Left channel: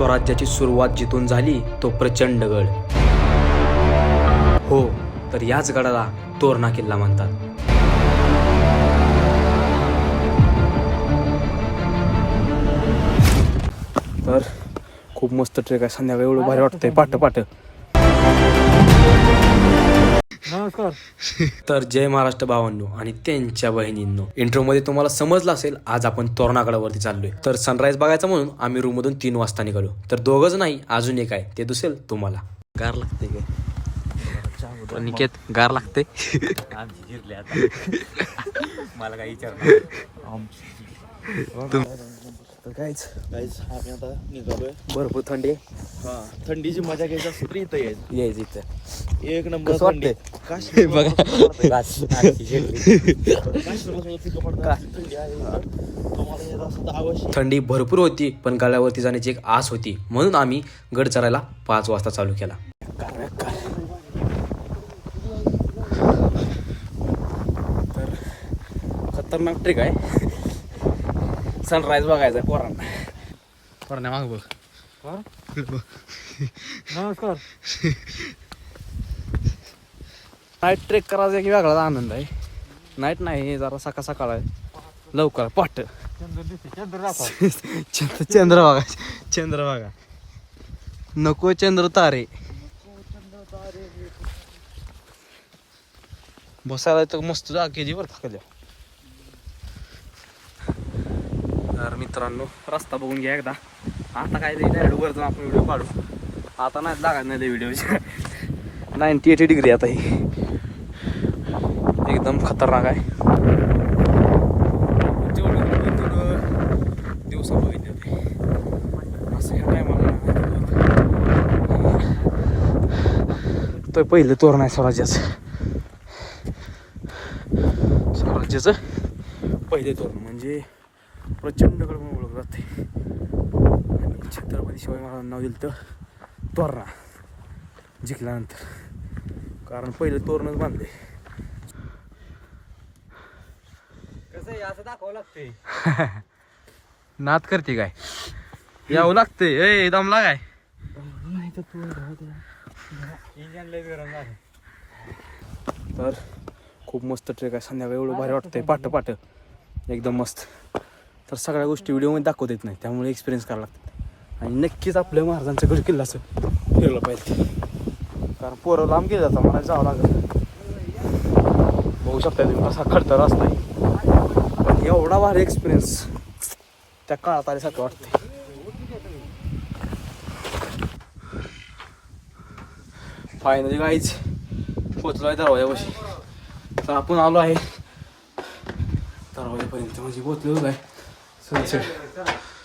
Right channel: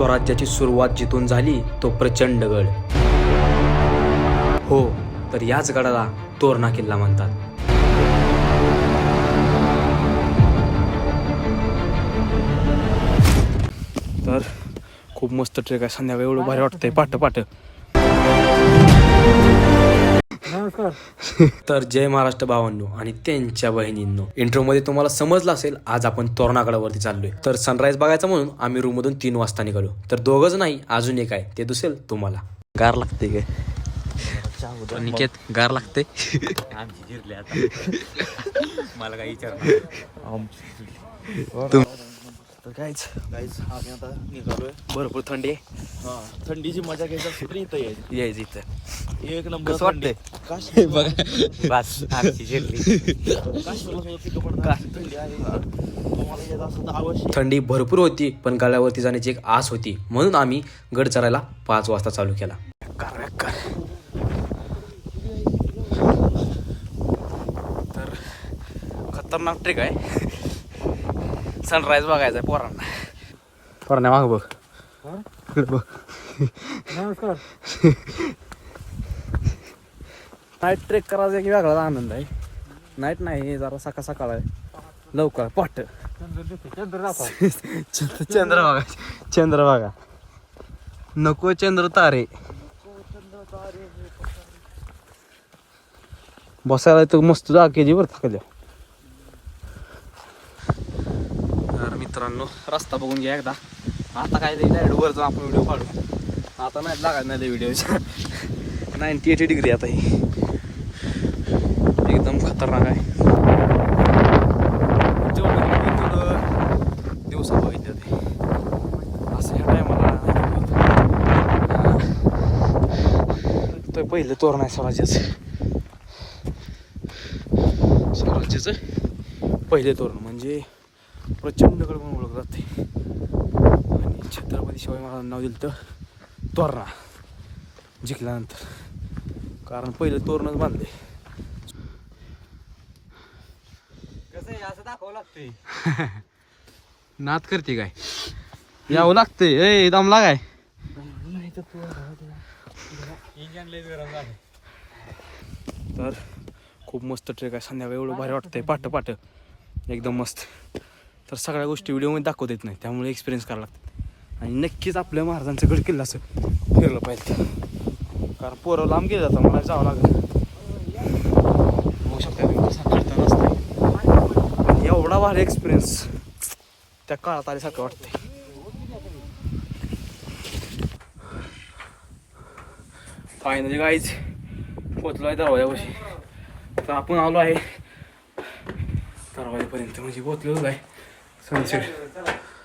स्वराज्याची सुरुवात जिथून झाली तो प्रचंड गड. हो तर याच गडाला तोरणा किल्ला म्हणतात. तर खूप मस्त ट्रेक आहे. संध्याकाळी एवढं भारी वाटतंय. पाट पाट. नमस्कार तर जय महाराष्ट्र भावांनो आणि त्यांच्या बहिणींनो. इंट्रो मध्ये तुम्हाला समजलं असेल आज आपण तोरणागडावरती चाललोय. तर सनराईज बघायचा म्हणून आम्ही रूम मधून तीन वाजता निघालो. तर दोघच नाही अजून एक आहे ते दुसेल तुम्हाला. गार लागते काय? निकेत गार लागते. आमची जिरले आता. मला काही विचार तर काहीच. काहीच. आम्ही आता निघालोय. भरपूर थंडी. आहे. हा. थंडीची मजा घ्यायची असली तर इथं यायची. यायचं इथं. एक नंबर कसं वाटतंय? काश्मीर बघा. काश्मीरला सुद्धा पिकं पडतात थंडी आहे इथं. तुम्हाला यायचं असं तर थंडी भरपूर होती पण गडावरती जाण्याची एक आस होती. म्हणून आम्ही गड चरायला पाच वाजता चालू केला. तर खतरनाक ट्रिक आहे. सनराईज बघायचा आहे पोरांना. पोरांना माग बघ. बघ. नमस्कार. नाईट ट्रेक करायचा एक वेगळाच आनंद आहे. नाईट नाही हे जरा सकाळ सकाळ आहे. लवकर पहाट चंद्र चंद्र बघा चंद्र बघा. नको चंद्र तारे. बसायला तो मस्त जागा केली बरं कधी? तर मित्रांनो रस्ता बघून घ्या एकदा. आता काय डायरेक्ट वर जाऊन आपण व्हिडिओ काढू. आता नाही लागायचं नाही व्हिडिओच्या नाईन्टी एटी डिग्री आता ही. एकदम खतरनाक आहे. जेवढं तेवढं दिवसा बघितलं ते. असं ह्या टायमाला तो पहिलं तोरण आहे स्वराज्याचं. स्वराज्याचं पहिले तोरण म्हणजे प्रचंडकडे म्हणून ओळखलं जाते आणि छत्रपती शिवाजी महाराजांना नाव दिलं तर तोरणा जिंकल्यानंतर. कारण पहिले तोरणच बांधले. कसं असं दाखवावं लागते नात करते काय? यावं लागते ए दम लागाय. नाही तर तू इंजन लय गरम झालं तर खूप मस्त ट्रेक आहे. संध्याकाळी एवढं भारी वाटतंय. पाट पाट. एकदम मस्त. तर सगळ्या गोष्टी व्हिडिओमध्ये दाखवता येत नाही. त्यामुळे एक्सपिरियन्स करावं लागतात. आणि नक्कीच आपल्या महाराजांचं गड किल्ला असं फिरलं पाहिजे. कारण पोरं लांब गेलं जातं मला जावं लागेल. बघू शकता तुम्ही कसा खडतर रस्ता आहे. पण एवढा भारी एक्सपिरियन्स त्या काळात आल्यासारखं वाटते फायनली गाईच पोचलो आहे दरवाजापाशी. तर आपण आलो आहे दरवाजापर्यंत. म्हणजे पोचलेलो आहे सनसेट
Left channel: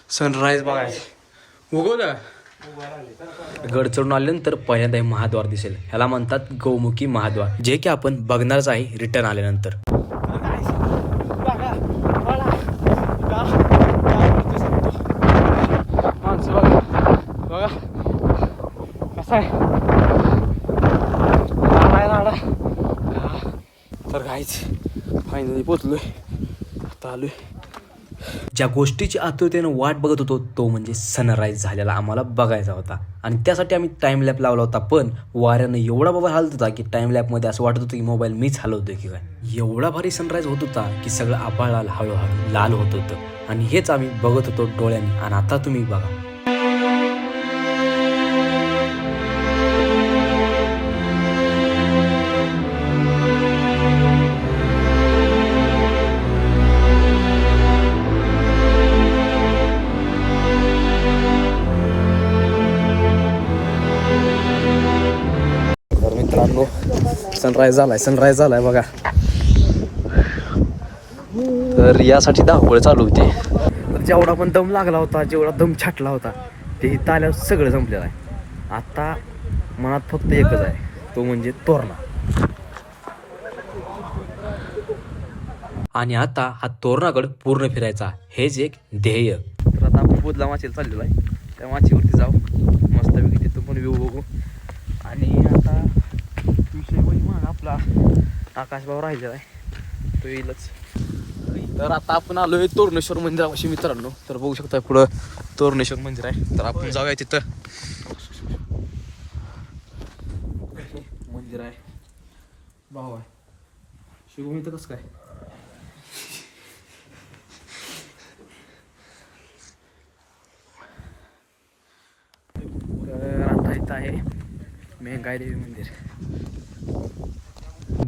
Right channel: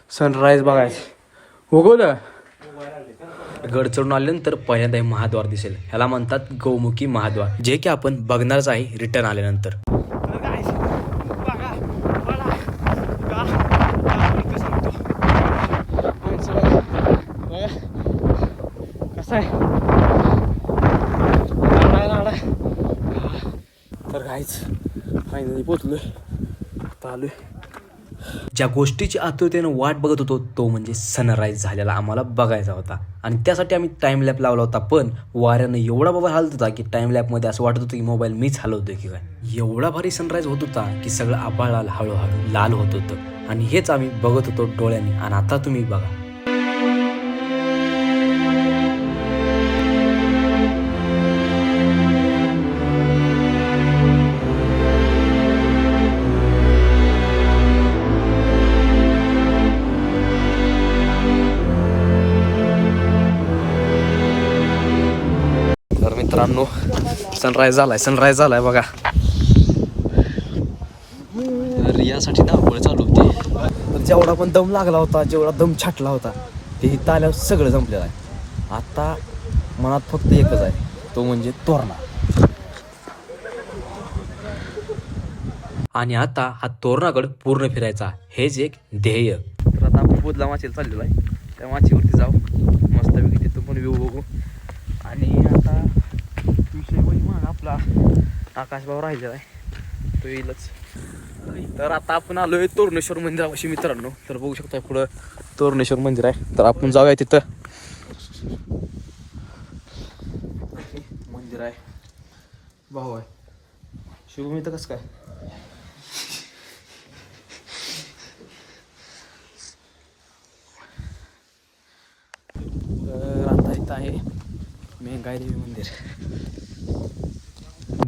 सनराईज बघायचं. हो गो ना गड चढून आल्यानंतर पहिल्यांदा हे महाद्वार दिसेल. ह्याला म्हणतात गौमुखी महाद्वार. जे की आपण बघणारच आहे रिटर्न आल्यानंतर. माणसं बघा. बघा. कसं आहे? तर काहीच फायनली पोचलोय. आता आलोय. ज्या गोष्टीची आतुरतेनं वाट बघत होतो तो म्हणजे सनराईज झालेला आम्हाला बघायचा होता. आणि त्यासाठी आम्ही टाईम लॅप लावला होता पण वाऱ्यानं एवढा मोबाईल हलत होता की टाईम लॅपमध्ये असं वाटत होतं की मोबाईल मीच हलवतोय की काय. एवढा भारी सनराईज होत होता की सगळं आभाळ हळूहळू लाल होत होतं. आणि हेच आम्ही बघत होतो डोळ्यांनी. आणि आता तुम्ही बघा. मित्रांनो सनराईज झालाय सनराईज झालाय बघा. तर यासाठी धावपळ चालू होती. तर जेवढा पण दम लागला होता जेवढा दम छाटला होता ते ताल्यावर आल्यावर सगळं जमलेलं आहे. आता मनात फक्त एकच आहे तो म्हणजे तोरणा. आणि आता हा तोरणागड पूर्ण फिरायचा हेच एक ध्येय. तर आता आपण बुधला माचेला चाललेलो आहे. त्या माचीवरती जाऊ. मस्तपैकी तिथं पण व्यू बघू. आणि आता विषय म्हणजे मग आपला आकाशभाव राहिलेला आहे. तो येईलच. तर आता आपण आलोय तोरणेश्वर मंदिरापाशी मित्रांनो. तर बघू शकता पुढं तोरणेश्वर मंदिर आहे. तर आपण जाऊया तिथं. मंदिर आहे. भाऊ आहे. शुभमी तर कसं काय? तर आता इथं आहे मेंगाई देवी मंदिर.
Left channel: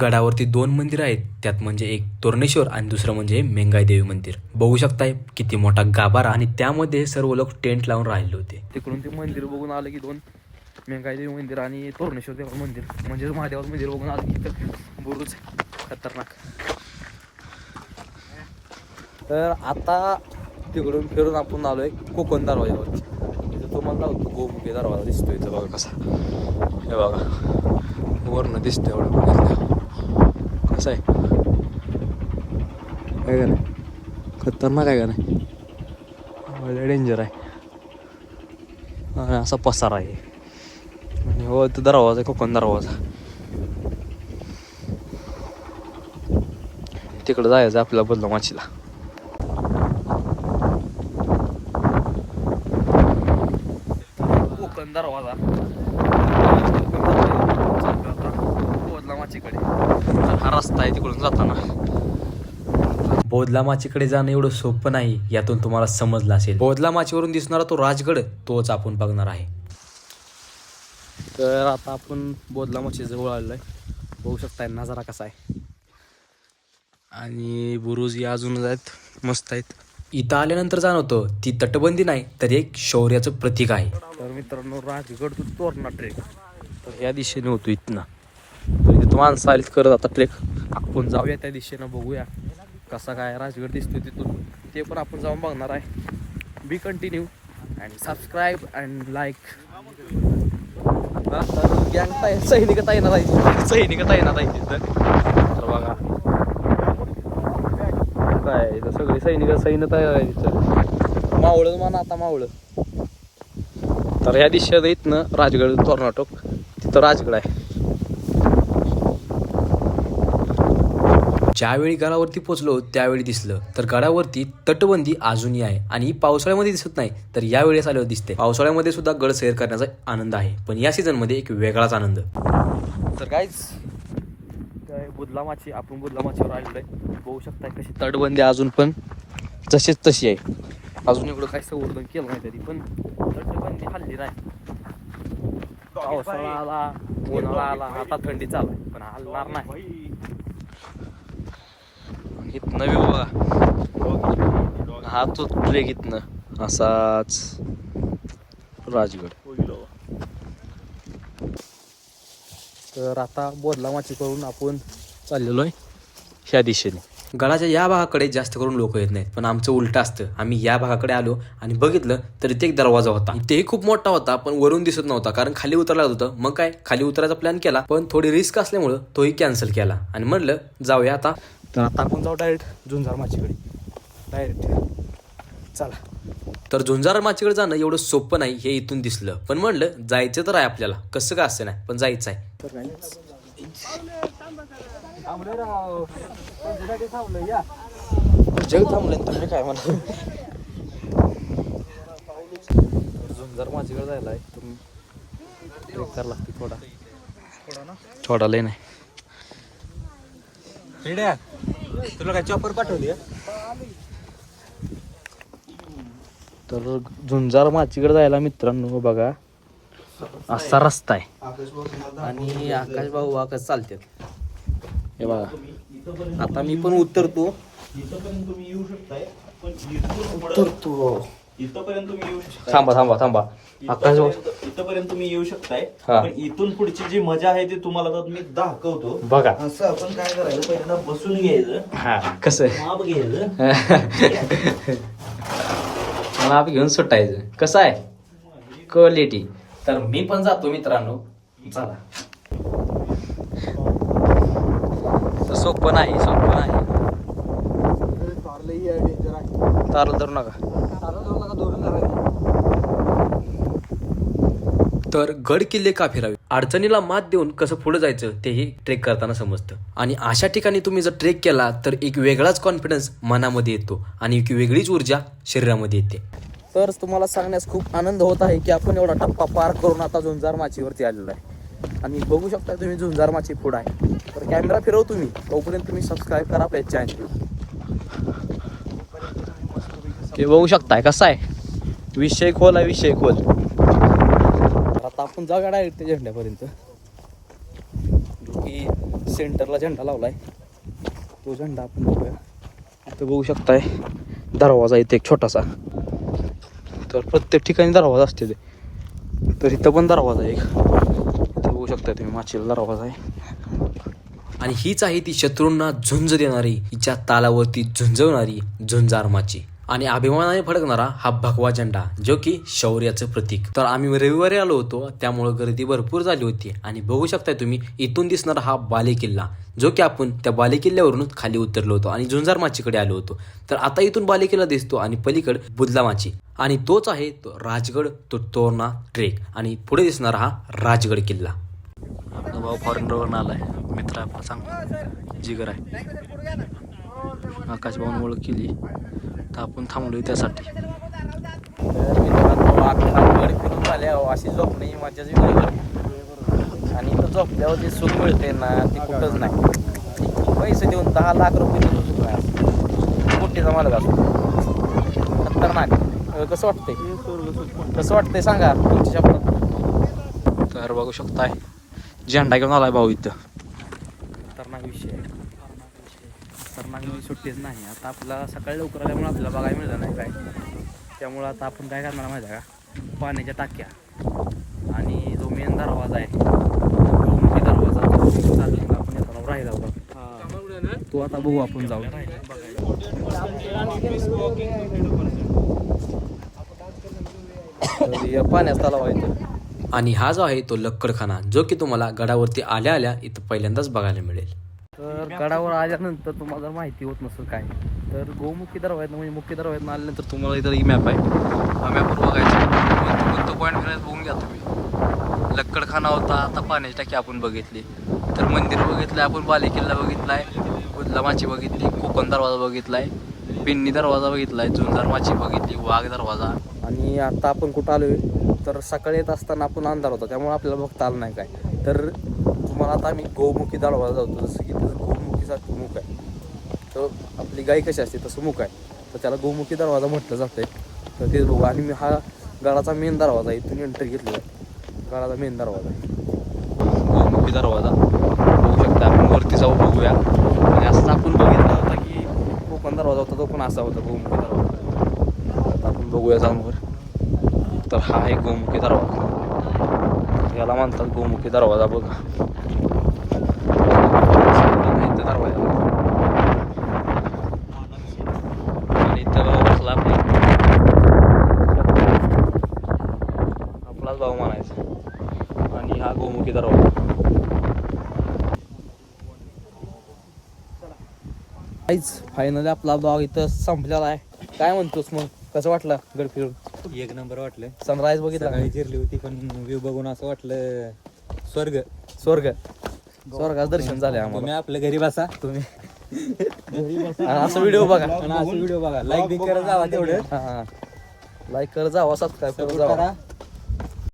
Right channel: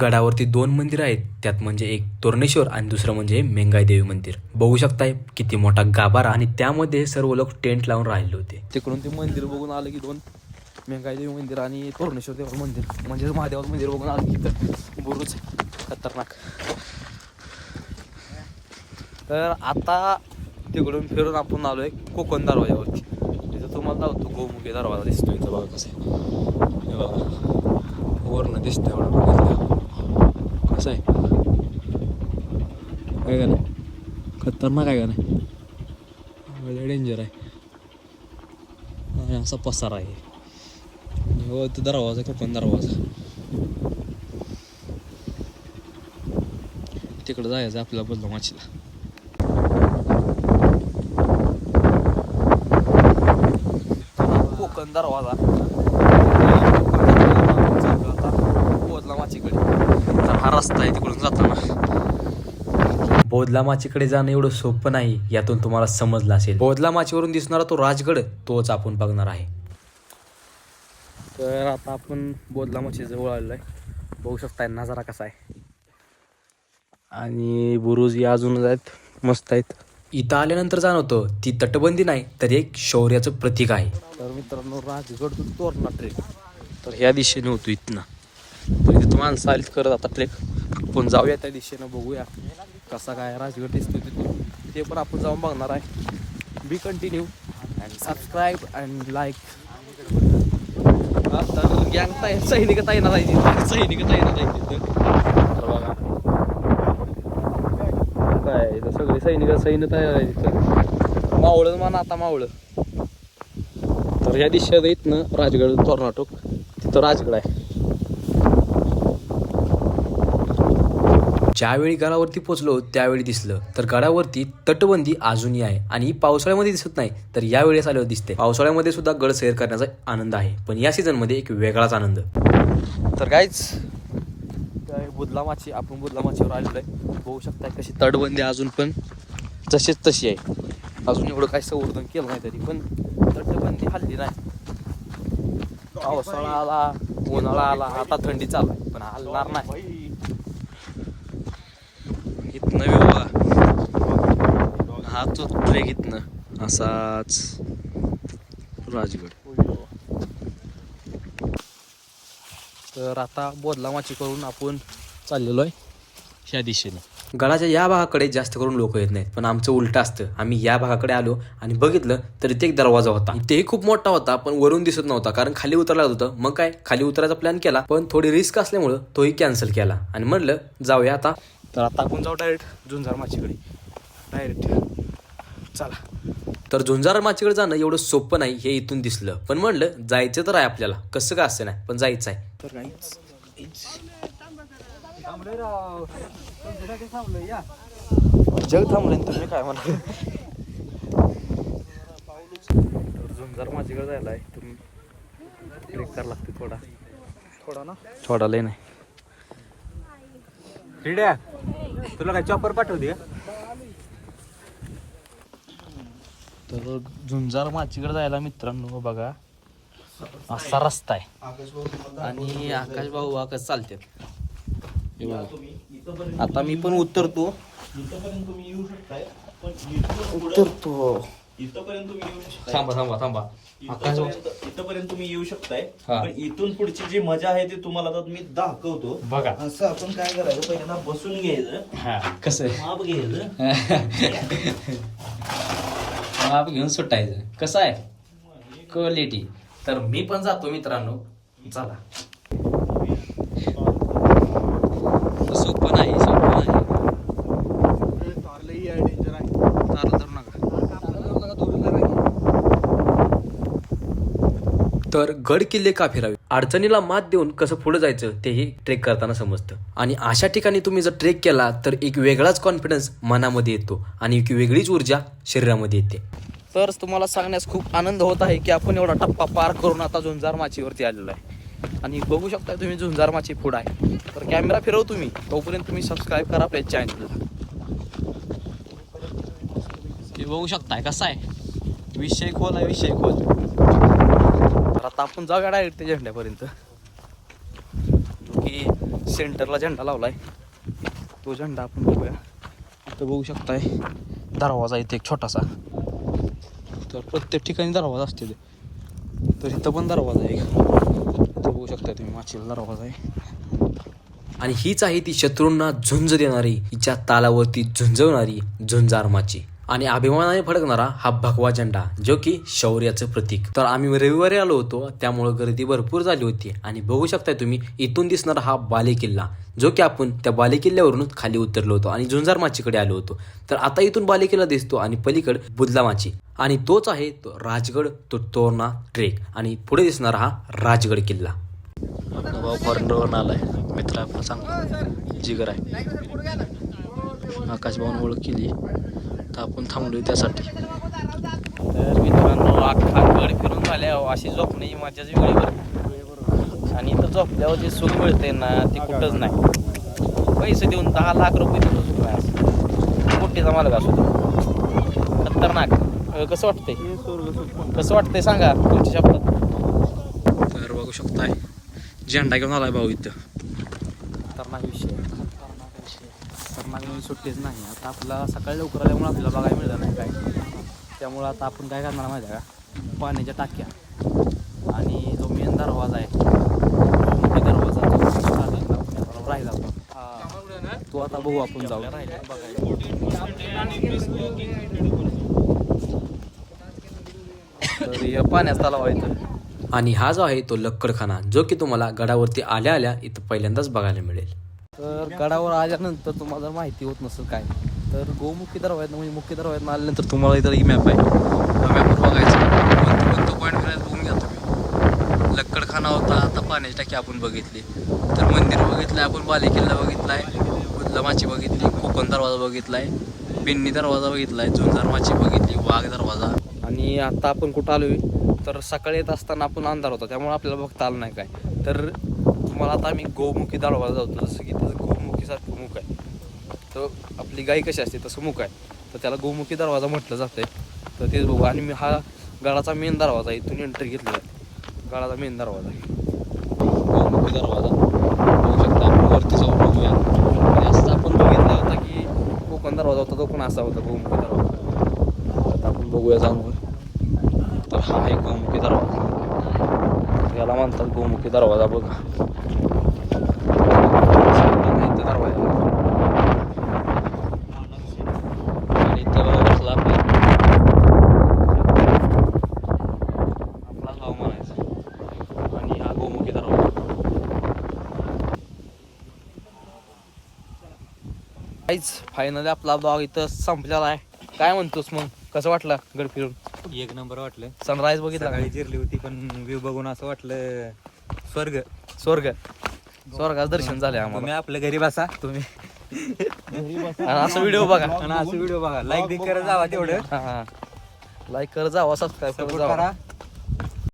गडावरती दोन मंदिर आहेत. त्यात म्हणजे एक तोरणेश्वर आणि दुसरं म्हणजे मेंगाई देवी मंदिर. बघू शकताय किती मोठा गाभारा आणि त्यामध्ये सर्व लोक टेंट लावून राहिले होते. तिकडून ते मंदिर बघून आलं की दोन मेंगाई देवी मंदिर आणि तोरणेश्वर देवा मंदिर. म्हणजे महादेवाचं मंदिर बघून आलं की तर बुरुज खतरनाक. तर आता तिकडून फिरून आपण आलो आहे कोकण दरवाजावर. तिथं तुम्हाला लावतो गोमुखी दरवाजा दिसतोय इथं बघा कसा. हे बघा. वर्ण दिसतं एवढं. कसं आहे. काय का नाही? खतरनाक आहे का नाही? लय डेंजर आहे. आणि असा पसार आहे. आणि हो तो दरवाजा आहे कोकण दरवाजा. तिकडं जायचं आपल्याला बदला माचीला. कोकण दरवाजा आता बोधला माचीकडे तर हा रस्ता आहे तिकडून जाताना. बोधला माचीकडे जाणं एवढं सोपं नाही यातून तुम्हाला समजलं असेल. बोधला माचीवरून दिसणारा तो राजगड तोच आपण बघणार आहे. तर आता आपण बोधला माची जवळ आलेलो आहे बघू शकताय नजारा कसा आहे. आणि बुरुज या अजूनच आहेत मस्त आहेत. इथं आल्यानंतर जाणवतं ती तटबंदी नाही तर एक शौर्याचं प्रतीक आहे. तर मित्रांनो राजगड तू तोरणा ट्रेक तर ह्या दिशेने होतो इथनं. तर इथे तुम्हाला चालत करत आता ट्रेक आपण जाऊया त्या दिशेनं बघूया कसा काय राजगड दिसतो तिथून. ते पण आपण जाऊन बघणार आहे. Be continue and subscribe and like तर गँग ताई सैनिक सैनिक ताईना जायची तर बघा. काय इथं सगळे सैनिक सैन्य तयार आहे तिथं. मावळं म्हणा आता मावळं. तर ह्या दिशेत इथनं राजगड कर्नाटक. तिथं राजगड आहे. ज्यावेळी गडावरती पोचलो त्यावेळी दिसलं. तर गडावरती तटबंदी अजूनही आहे आणि पावसाळ्यामध्ये दिसत नाही तर यावेळेस आल्यावर दिसते पावसाळ्यामध्ये सुद्धा गड सैर करण्याचा आनंद आहे. पण या सीझनमध्ये एक वेगळाच आनंद. तर काहीच काय बुदला माची आपण बुदला माचीवर आलेलो आहे. बघू शकता कशी तटबंदी अजून पण तशीच तशी आहे. अजून एवढं काही संवर्धन केलं नाही तरी पण तटबंदी हल्ली नाही. पावसाळा आला उन्हाळा आला आता थंडी चालू आहे पण हलणार नाही. इथनं व्यू बघा हा तो ट्रेक इथनं. असाच. राजगड. तर आता बोधला माची करून आपण चाललेलो आहे ह्या दिशेने. गडाच्या या भागाकडे जास्त करून लोक येत नाहीत पण आमचं उलट असतं. आम्ही या भागाकडे आलो आणि बघितलं तर इथे एक दरवाजा होता. तेही खूप मोठा होता पण वरून दिसत नव्हता कारण खाली उतरायला होतं. मग काय? खाली उतरायचा प्लॅन केला पण थोडी रिस्क असल्यामुळं तोही कॅन्सल केला. आणि म्हणलं जाऊया आता. तर आता आपण जाऊ डायरेक्ट झुंजार माचीकडे. डायरेक्ट चला. तर झुंजार माचीकडे जाणं एवढं सोपं नाही हे इथून दिसलं. पण म्हणलं जायचं तर आहे आपल्याला. कसं काय असं नाही पण जायचं आहे. तर जग थांबले तुम्ही काय म्हणा झुंजार माझीकडे जायला आहे तुम्ही ट्रेक करायला लागते थोडा. थोडा लय नाही. तुला काय चॉपर पाठवते तर झुंजार माचीकडे जायला मित्रांनो बघा. असा रस्ता आहे. आणि आकाश भाऊ वाकच चालतात हे बघा. आता मी पण उतरतो. उतरतो. इथपर्यंत तुम्ही येऊ शकता थांबा थांबा थांबा. आकाश भाऊ. इथपर्यंत तुम्ही येऊ शकताय. हा. पण इथून पुढची जी मजा आहे ती तुम्हाला आता मी दाखवतो. बघा. असं आपण काय करायचं पहिल्यांदा बसून घ्यायचं. हा कसं आहे? माप घ्यायचं. माप घेऊन सुटायचं. कसं आहे? क्वालिटी तर मी पण जातो मित्रांनो. चला. सोपं नाही सोपं नाही. तारला धरू नका. तर गड किल्ले का फिरावे? अडचणीला मात देऊन कसं पुढे जायचं तेही ट्रेक करताना समजतं. आणि अशा ठिकाणी तुम्ही जर ट्रेक केला तर एक वेगळाच कॉन्फिडन्स मनामध्ये येतो आणि एक वेगळीच ऊर्जा शरीरामध्ये येते. तर तुम्हाला सांगण्यास खूप आनंद होत आहे की आपण एवढा टप्पा पार करून आता झुंजार माचीवरती आलेलो आहे. आणि बघू शकता तुम्ही झुंजार माची फूड आहे. तर कॅमेरा फिरव तुम्ही तोपर्यंत तुम्ही सबस्क्राईब करा आपल्या चॅनलला ते बघू शकताय कसा आहे. विषय खोल आहे विषय खोल. तर आता आपण जाऊया डायरेक्ट त्या झेंड्यापर्यंत. जो की सेंटरला झेंडा लावलाय. तो झेंडा आपण बघूया. इथं बघू शकताय दरवाजा इथे एक छोटासा. तर प्रत्येक ठिकाणी दरवाजा असते ते. तर इथं पण दरवाजा आहे एक. इथं बघू शकताय तुम्ही माचीला दरवाजा आहे. आणि हीच आहे ती शत्रूंना झुंज देणारी हिच्या तालावरती झुंजवणारी झुंजार माची. आणि अभिमानाने फडकणारा हा भगवा झेंडा जो की शौर्याचं प्रतीक. तर आम्ही रविवारी आलो होतो त्यामुळे गर्दी भरपूर झाली होती. आणि बघू शकताय तुम्ही इथून दिसणारा हा बालेकिल्ला जो की आपण त्या बालेकिल्ल्यावरूनच खाली उतरलो होतो आणि झुंजार माचीकडे आलो होतो. तर आता इथून बालेकिल्ला दिसतो आणि पलीकड बुदला माची. आणि तोच आहे तो राजगड तो तोरणा ट्रेक. आणि पुढे दिसणारा हा राजगड किल्ला. भाऊ फॉरेनरवरून आलाय. मित्र आपला सांग. जिगर आहे. आकाश भाऊन ओळख केली. तर आपण थांबलोय त्यासाठी. तर मित्रांनो अख्खा गड फिरून झाल्यावर अशी झोपणे माझ्याच वेगळी आणि इथं झोपल्यावर जे सुख मिळते ना ते कुठंच नाही. पैसे देऊन दहा लाख रुपये देऊन सुख नाही असं. कुठेचा मालक असो खतरनाक. कसं वाटतंय? कसं वाटतंय सांगा तुमच्या शब्दात. तर बघू शकताय झेंडा घेऊन आलाय भाऊ इथं. खतरनाक विषय. खतरनाक म्हणजे सुट्टीच नाही. आता आपल्याला सकाळी लवकर आल्यामुळे आपल्याला बघायला मिळलं नाही काय. त्यामुळं आता आपण काय करणार माहिती आहे का? पाण्याच्या टाक्या. आणि जो मेन दरवाजा आहे तो दरवाजा राहिला होता तो आता बघू आपण जाऊ तर पाण्यात तलाव आहे इथं. आणि हा जो आहे तो लक्कडखाना जो की तुम्हाला गडावरती आल्या आल्या इथं पहिल्यांदाच बघायला मिळेल. तर गडावर आल्यानंतर तुम्हाला जर माहिती होत नसेल काय तर गोमुखी दरवाजा म्हणजे मुख्य दरवाजा आल्यानंतर तुम्हाला इथं मॅप आहे. हा मॅपवर बघायचं कोणतं कोणतं पॉईंट फिरायला बघून घ्या तुम्ही. लक्कडखाना होता आता पाण्याची टाकी आपण बघितली. तर मंदिर बघितलं आपण बालेकिल्ला बघितला आहे माची बघितली कोकण दरवाजा बघितला आहे पिन्नी दरवाजा बघितला आहे माची बघितली वाघ दरवाजा. आणि आता आपण कुठं आलो तर सकाळी येत असताना आपण अंधार होता त्यामुळे आपल्याला बघता आलं नाही काय. तर तुम्हाला आता आम्ही गोमुखी दरवाजा जातो. जसं की त्याचं गोमुखीसारखं मुख आहे. तर आपली गाय कशी असते तसं मुख आहे. तर त्याला गोमुखी दरवाजा म्हटलं जातंय. तर तेच बघू. आणि मी हा गडाचा मेन दरवाजा आहे इथून एंट्री घेतलेला आहे. गडाचा मेन दरवाजा आहे. गोमुखी दरवाजा. बघू शकता आपण वरती जाऊ बघूया. आणि असं आपण बघितलं होता की कोकण दरवाजा होता तो पण असा होता गोमुखी दरवाजा. आता आपण बघूया जाऊन तर हा आहे गोमुखी दरवाजा. याला म्हणतात गोमुखी दरवाजा बघा इथं दरवाजा आणि इथं बसला आपला आपलाच भाऊ म्हणायचा आणि हा गोमुखी दरवाजा काहीच फायनली आपला ब्लॉग इथं संपलेला आहे. काय म्हणतोस मग? कसं वाटलं गड फिरून? एक नंबर वाटलं. सनराईज बघितला? सकाळी जिरली होती पण व्ह्यू बघून असं वाटलं स्वर्ग. स्वर्ग. स्वर्गाचं दर्शन झाले आम्हाला. तुम्ही आपल्या घरी बसा. तुम्ही. आणि असं व्हिडिओ बघा. आणि असं व्हिडिओ बघा. लाईक बी करत जावा तेवढं. लाईक कर जावा सबस्क्राईब कर सपोर्ट जावा. करा.